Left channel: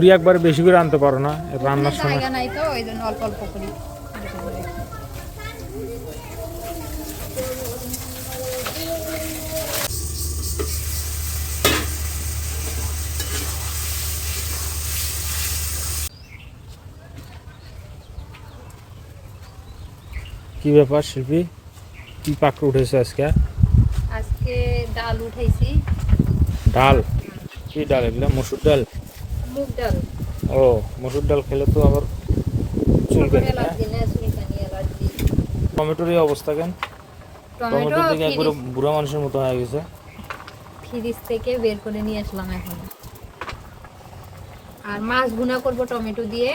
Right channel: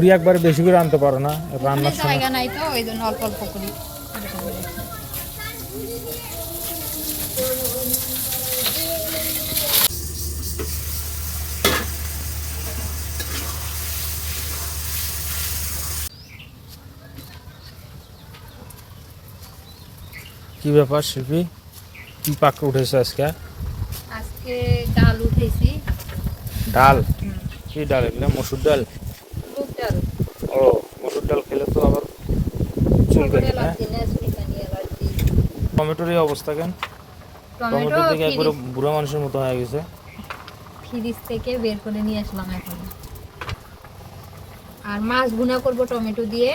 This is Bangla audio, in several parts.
করি একবার বেশি করে আনতে পারো না রান্নার সময়। জায়গা নাই তো ওই জন্য অল্প অল্প করি। কি ব্যাপার শিল্পী? কি পাকে উঠেছে আজকে? আজকে ডাল উঠেছি। ডাল? কি ডাল? এগুলো মসুর ডাল ডাল? ও মসুর ডাল খেলে তো আবার চুলকানি হ্যাঁ? টমেটোর এই অবস্থা কেন? টমেটো থেকে একবারে বুড়া মানুষের মতো হয়ে গেছে। ফ্রিজ থেকে বের করে নিয়ে আসলাম এখন। আর মাছ ভুনা করব টমেটো দিয়ে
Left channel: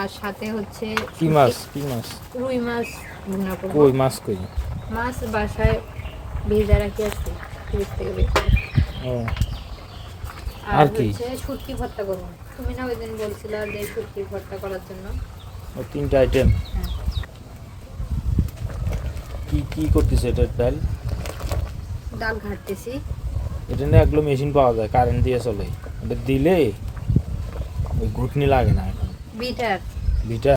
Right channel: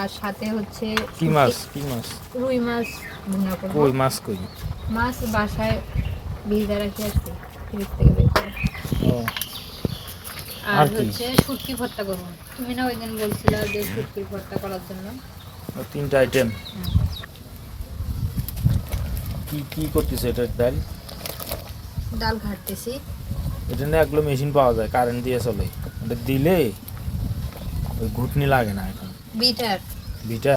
আর সাথে হচ্ছে কি মাছ কি মাছ? রুই মাছ ভুনা করব। কই মাছ কই? মাছ বাসায় ভিজা রাখি আছে ফ্রিজ থেকে বের করে। ও আর? হচ্ছে শুটকি ভর্তা করব। তুমি না ওই দিন বলছিলা যে শুটকি ভর্তা করার জন্য। ও তিনটা আইটেম। কি কি করতেছে এটা ডাল? ডাল ঘাটতেছি। এটা নিয়ে এগুলো মেশিন পাওয়া যায় কারেন্ট দিয়ে চলে। এটা দিলে ওই ঘুটনি লাগে না এখন। বিটার। বিটা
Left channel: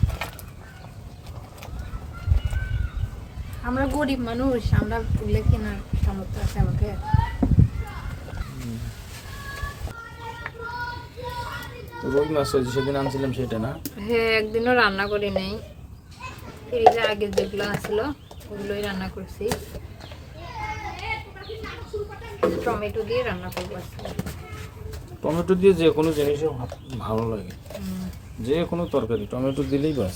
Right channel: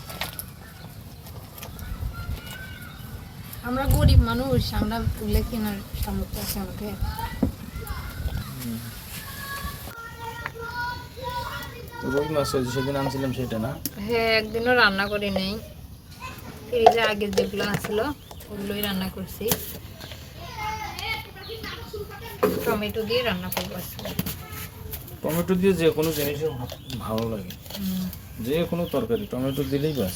আমরা গরিব মানুষ আমরা তুলে কেনার সামর্থ্য আছে আমাকে রুই মাছ ওই সেদিন আনছিলাম সেটা না। হ্যাঁ একদিনও রান্না করি নেই এই যে আগের যেগুলো আসলো ওগুলোই রান্না করছি। টমেটো দিয়ে রান্না করব টমেটো দিয়ে যে কোনো জিনিসই ভালো লাগে। যে কোনো তরকারি টমেটো দিলেই বাস।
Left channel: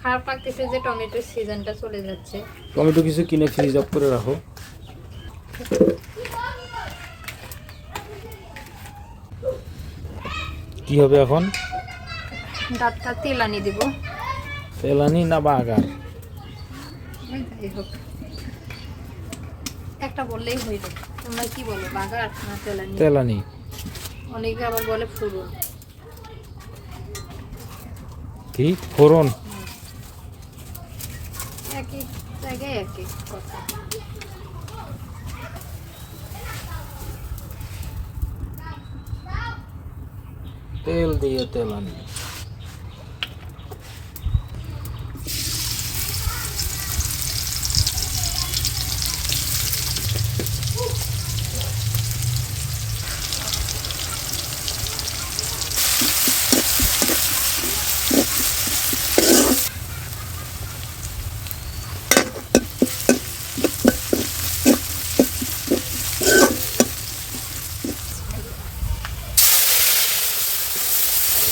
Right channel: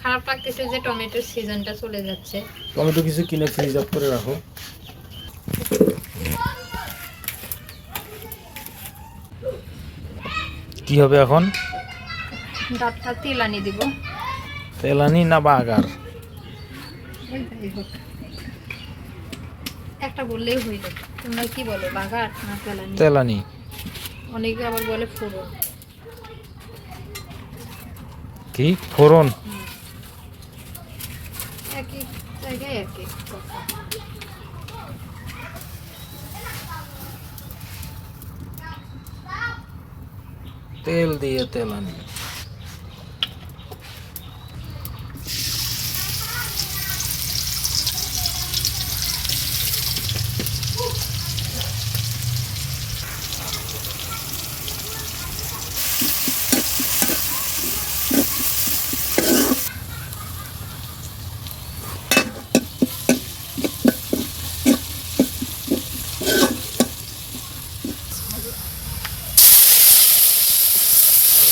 খারাপ লাগতেছে যে টমেটোর সিজনটা চলে যাচ্ছে। টমেটো কিছু কিনে ফ্রিজ আপ করে রাখো। কি হবে এখন? ডাবটা তেল আনি দিব। তেলানি না বাগার? একটা বললেই হয়ে যাবে। তোমরা কি বলো বাগার না তেল আনি? তেলানি অনেকে আবার বলে ফুরন কি? ফোড়ন? একই জায়গায় একই কথা। তেল দিয়ে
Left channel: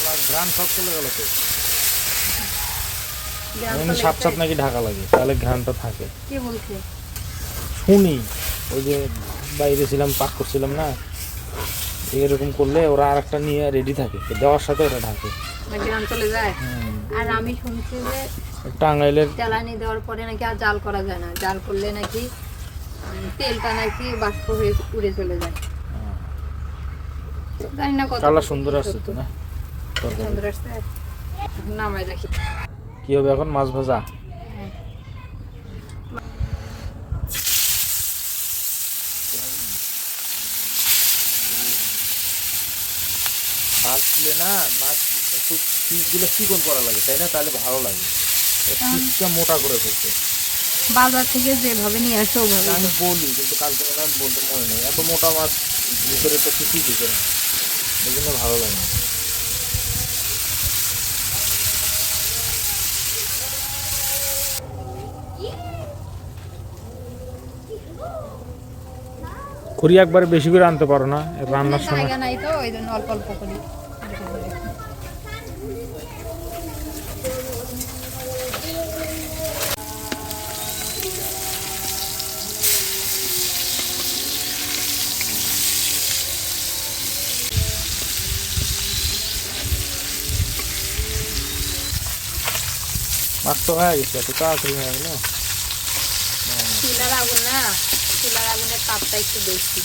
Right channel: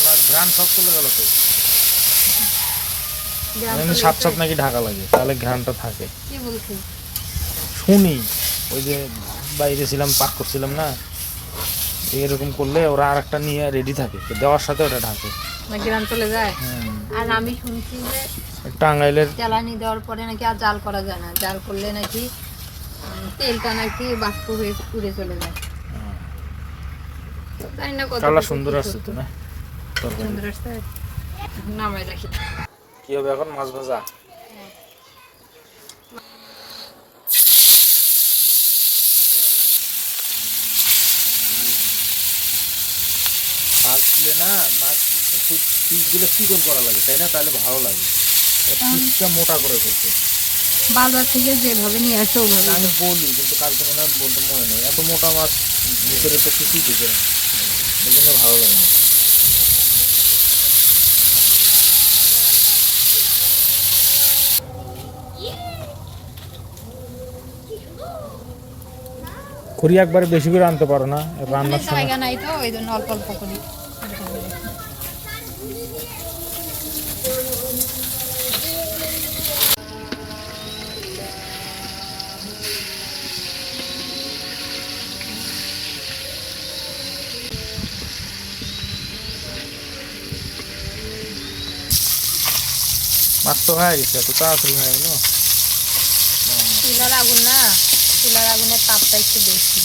তেলানি ঘ্রাণ সব চলে গেল তো। এমনি সাত সাত নাকি ঢাকা লাগে তাহলে ঘ্রাণটা থাকে। কে বলছে? শুনি ওই যে বাইরে ছিলাম পাক করছিলাম না এরকম করলে ওরা আর একটা নিয়ে রেডি থাকে দেওয়ার সাথে ওটা ঢাকে। চলে যায়? আর আমি শুনছি যে টাঙ্গাইলের জ্বালানি দেওয়ার পরে নাকি আর জাল করা যায় না। জাল করলে নাকি তেলটা নাকি বাষ্প হয়ে উড়ে চলে যায়। জানি না কত সুন্দর আসছে তো না? নামাই রাখি কি হবে এখন? মাছ ভাজা? মাছ দিলে না মাছ পিসগুলো চিকন করা লাগে তাই না? তাহলে ভালো লাগে। পিসটা মোটা করে ফেলতে বাজার থেকে যেভাবে নিয়ে আসো ওভাবে। আমি বলি কিন্তু কালকে মনে বলতে মনে নেই। এত মোটা মাছ ভিতরে তো কিছুই ঢুকে না। এই জন্য ভালো লাগে না। করি একবারে বেশি করে আনতে পারো না রান্নার সময়। জায়গা নাই তো ওই জন্য অল্প অল্প করি। মাছ তো হয়ে গেছে এত তাড়াতাড়ি হয়ে গেলো। আগুন না। চুলার আগুনের তাপটা একটু বেশি।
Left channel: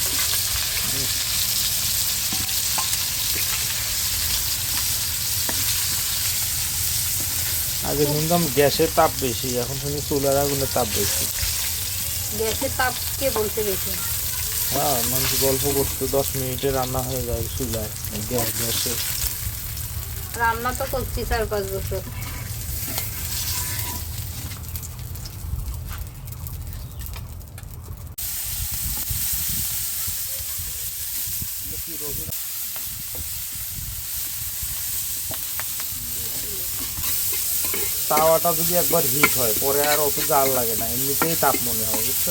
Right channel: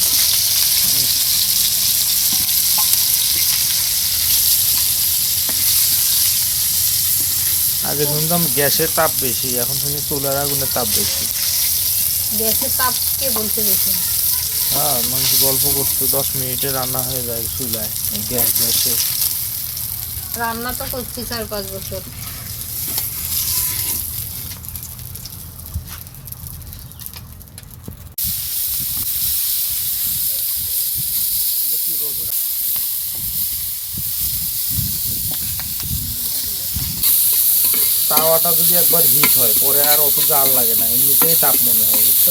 আগে শুনতাম গ্যাসের তাপ বেশি এখন শুনি চুলার আগুনের তাপ বেশি। গ্যাসের তাপ কে বলতে বেশি হ্যাঁ মানুষ গল্প করতো দশ মিনিটে রান্না হয়ে যায় চুলায় গ্যাস গ্যাসে। রান্না তো করছি চার পাঁচ বছর। তাওয়াটা যদি একবার হিট হয়, পরে আর অত জাল লাগে না, এমনিতেই তাপ মনে হয়, বুঝছ?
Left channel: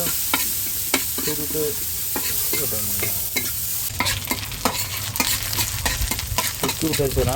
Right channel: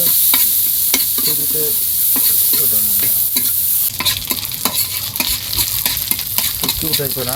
শুরুতে ওটা মনে হয়। উঠাইছো না?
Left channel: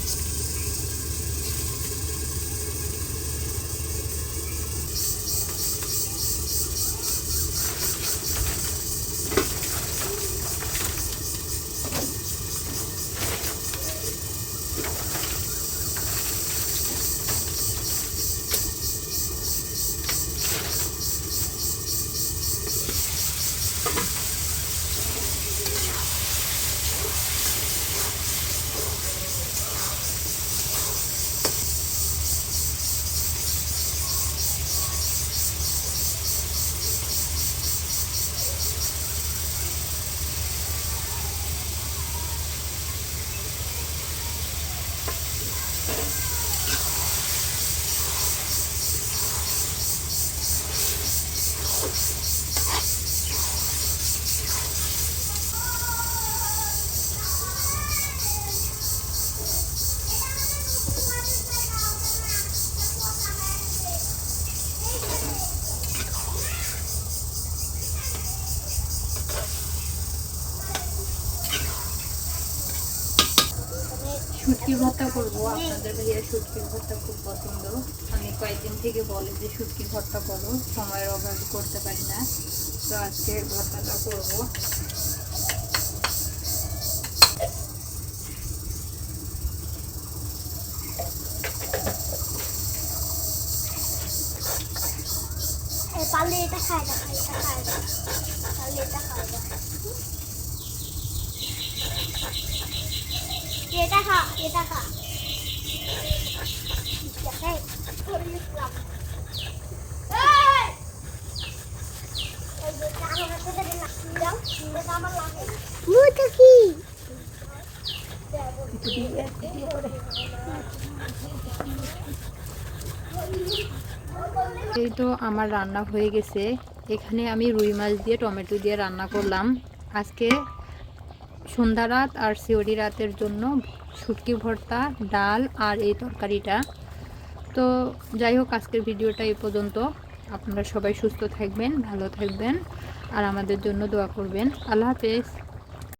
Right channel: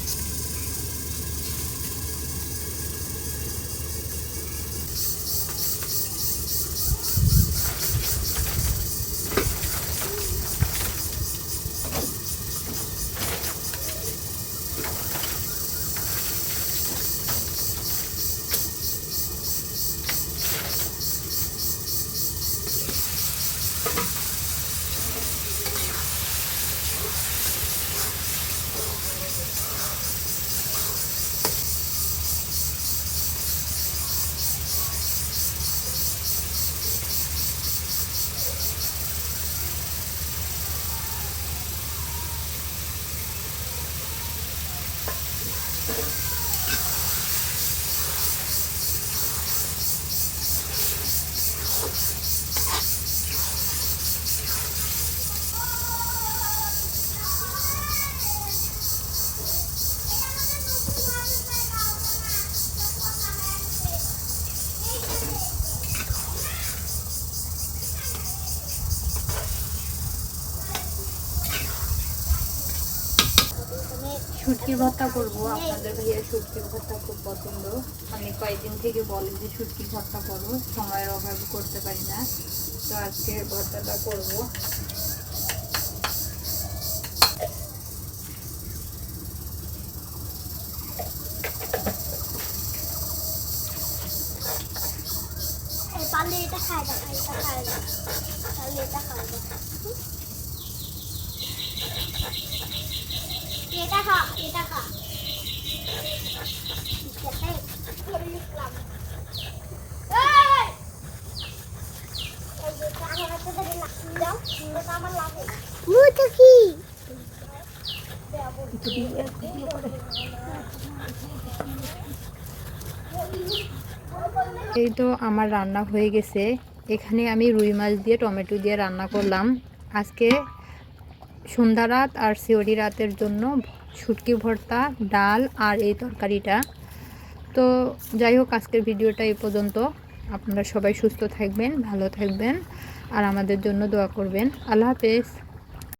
শুটকি ভর্তা করব। আপনাদের ভাইয়া শুটকির ভর্তা খুব পছন্দ। আমি কয়েকদিন থেকে বলে যে শুটকি ভর্তা করো সময়ের অভাবে করতে পারি না। তো আজকে ভর্তাটা করব। পারলে এটা এটা এটা খা এটা খা? এই তো আমার রান্না হয়ে গেছে। এখানে আমি রুই মাছ দিয়ে টমেটো দিয়ে রান্না করলাম। আজকে সন্ধ্যা রাত আর সিওরি রাতের জন্য শুটকি ভর্তা, ডাল আর এই তরকারিটা। তো যাই হোক, আজকের ভিডিওটা এই পর্যন্ত। আপনারা সবাই সুস্থ থাকবেন, ভালো থাকবেন আর আমাদের জন্য দোয়া করবেন। আল্লাহ হাফেজ।